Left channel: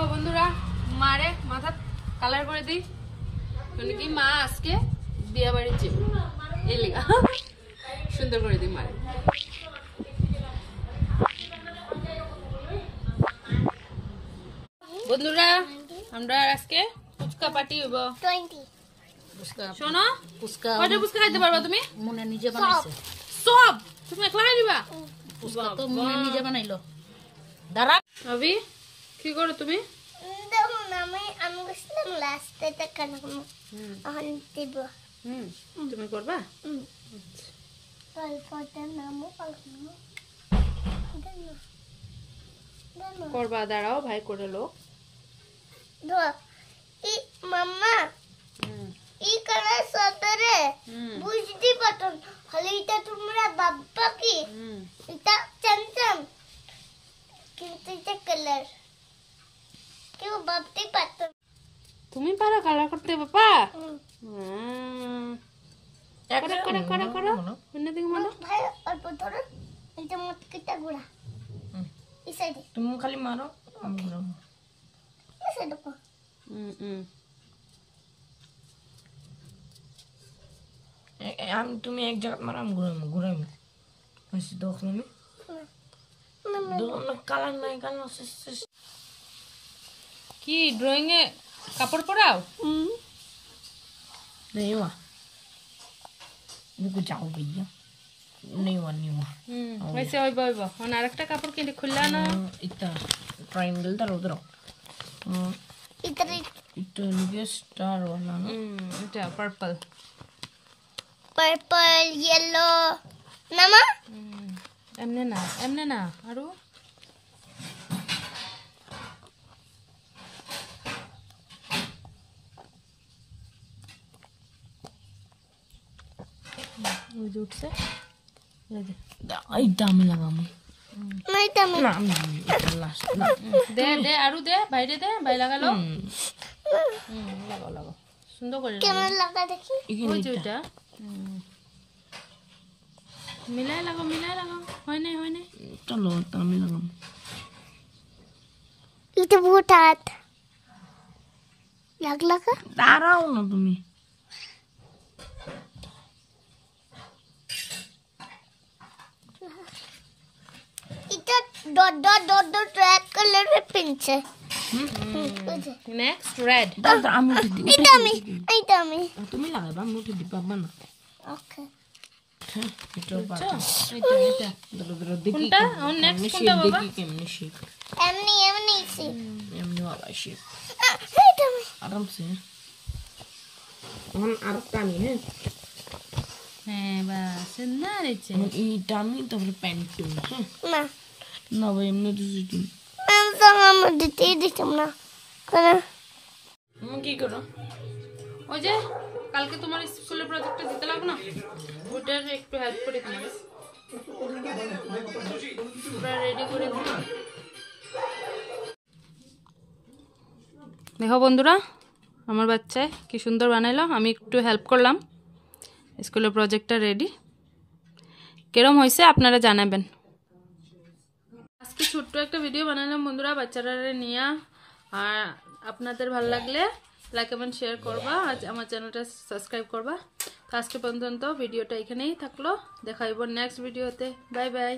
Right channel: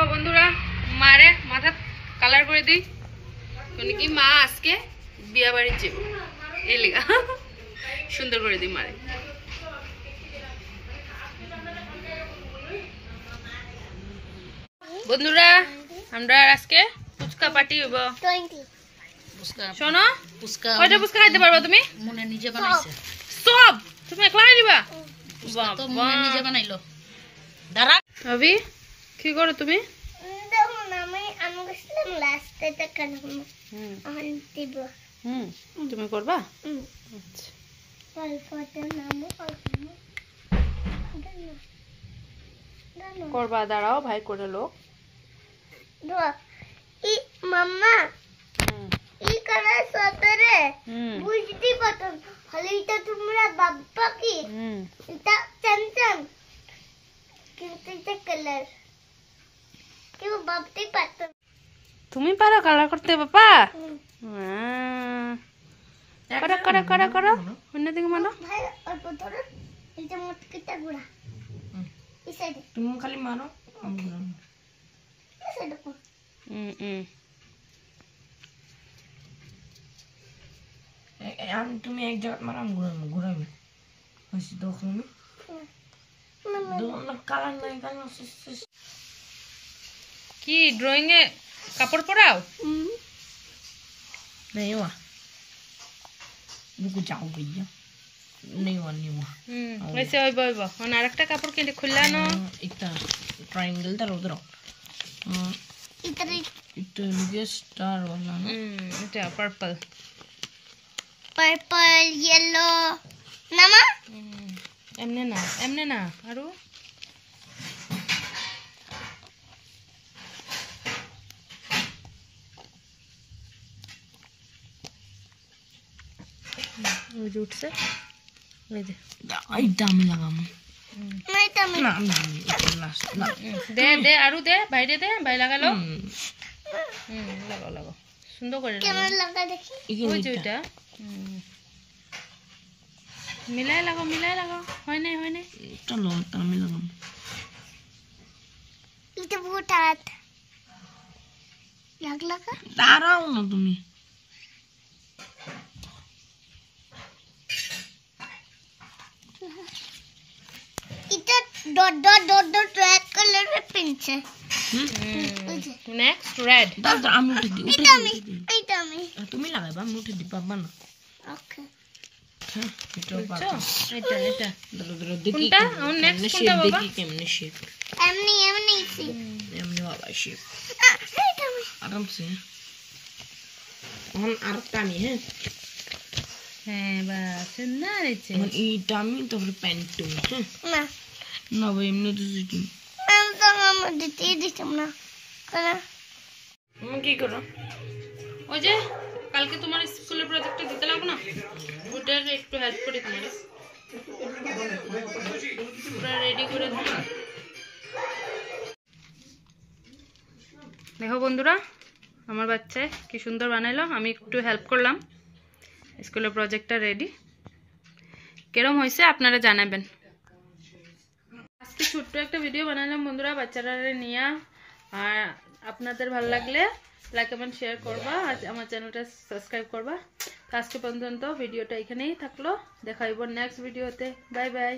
দেখো বন্ধুরা মারে মাথা কালার করে দিই মানে কি মা আজকে বিয়া বাড়ি যাব এই লেগা সুন্দর করে দিই মারে বন্ধুরা আমরা আজকে ফুচকা পার্টি হইব 20 ফুচকা শোনো ফুচকা কয়টা ফুচকা খাইতে পারবা তুমি মনে নিজে বানাইছে সব তুমি একলাই দিবা ফুচকা তো মনে নিজে বানাইলো দাঁড়া রবি কি করো তুমি দেখুন আমি গেছিলাম লাস্টে টাকানো এখন দিব তুমি করবা আচ্ছা তারপরে নামও করবা দাঁড়াও ভাই করে লো ই মাম্মা ই কালার সতরে বুঝতে পারতাম হলে এটা তোমরা বাবা কি এটা চঞ্চন কিন্তু এটা কালার কেউ ভাবতেই পারতাম তুমি পারো কালার করতে বাবা করো করো করো করো অন্য দিকে মানো ভাই অল্প ধরো এটা মটকিটা গুড়া এই সাইডে তুমি খালি মারো আমি ঘুরাম এই সাইডে আমি তুমি এক জায়গা মারো আমি ঘুরাম আসি দেখো আমি দোনো কালার নাই কালার কি ড্রয়িং এ কাপড় পরাও नहीं हुआ रुको जाओ भैया नहीं हुआ वैसे হইব হইব অন আরেকটা কাপড় কিনে খুললানো इतना ट्रायंगल था उधर इधर इतना ये स्टार वाला ना এটা পার্পল पर्पल येलो नाना এমনে না আরো উঠছে এই যে आई दामी लगा नहीं तमे ना लास्ट ना দে দে আরো দে বাইরে দে বাই লাগালো লাগাও লাগাও সুন্দর করে কেমন লাগা দেখি ওই যে ওইটা মিলাই লাগাও হয় নাই चलो दामी लगा इथे बहुत हात लागला का दाराओ ना तुम्ही इथे dot dot dot dot red colour रे पिंच है নেক্সট রেড दादा आम्ही उठे दी आई तमे तुम्ही लागाय बा उठे दी बाबा ना ओके এটা এটা এটা দলো দলো দেখি কোনটা আর নেক্সট কোনটা বাবা দেখি কেমনে শেপ एमनी सी এমনি বাবা শেপ आई तमे आराम से এখন আর টানি হ্যাঁ হ্যাঁ বাস না রেছে এখন এই টামি তারপরে প্যান্ট তুমি হ্যাঁ ना না ভাই এমনি তো তুমি मैं sama mudite दिखम ना करा কি করো ওই যে কালকে তোমার স্কুলের প্রজেক্টটা দিতে লাগবে না ওটার একটু হেল্প করি তোমার পুরো রেডি করে দাও দেখো বন্ধুরা আমার বাচ্চা কি সুন্দর বানাইলো আমি একটু হেল্প করলাম স্কুলের প্রজেক্টটা রেডি কেরম হয়েছে আপনারা জানাবেন আজকে ছোট্ট একটা ভিডিও বানালাম বন্ধুরা বাচ্চারা নিয়ে আর আপনাদের ভালো লাগলে লাইক কমেন্ট শেয়ার করবা আর আমার চ্যানেলটা সাবস্ক্রাইব করবা তো আজকে পর্যন্ত ভিডিওটা এখানেই থাকলো দেখা হইব নেক্সট ভিডিওতে বাই বাই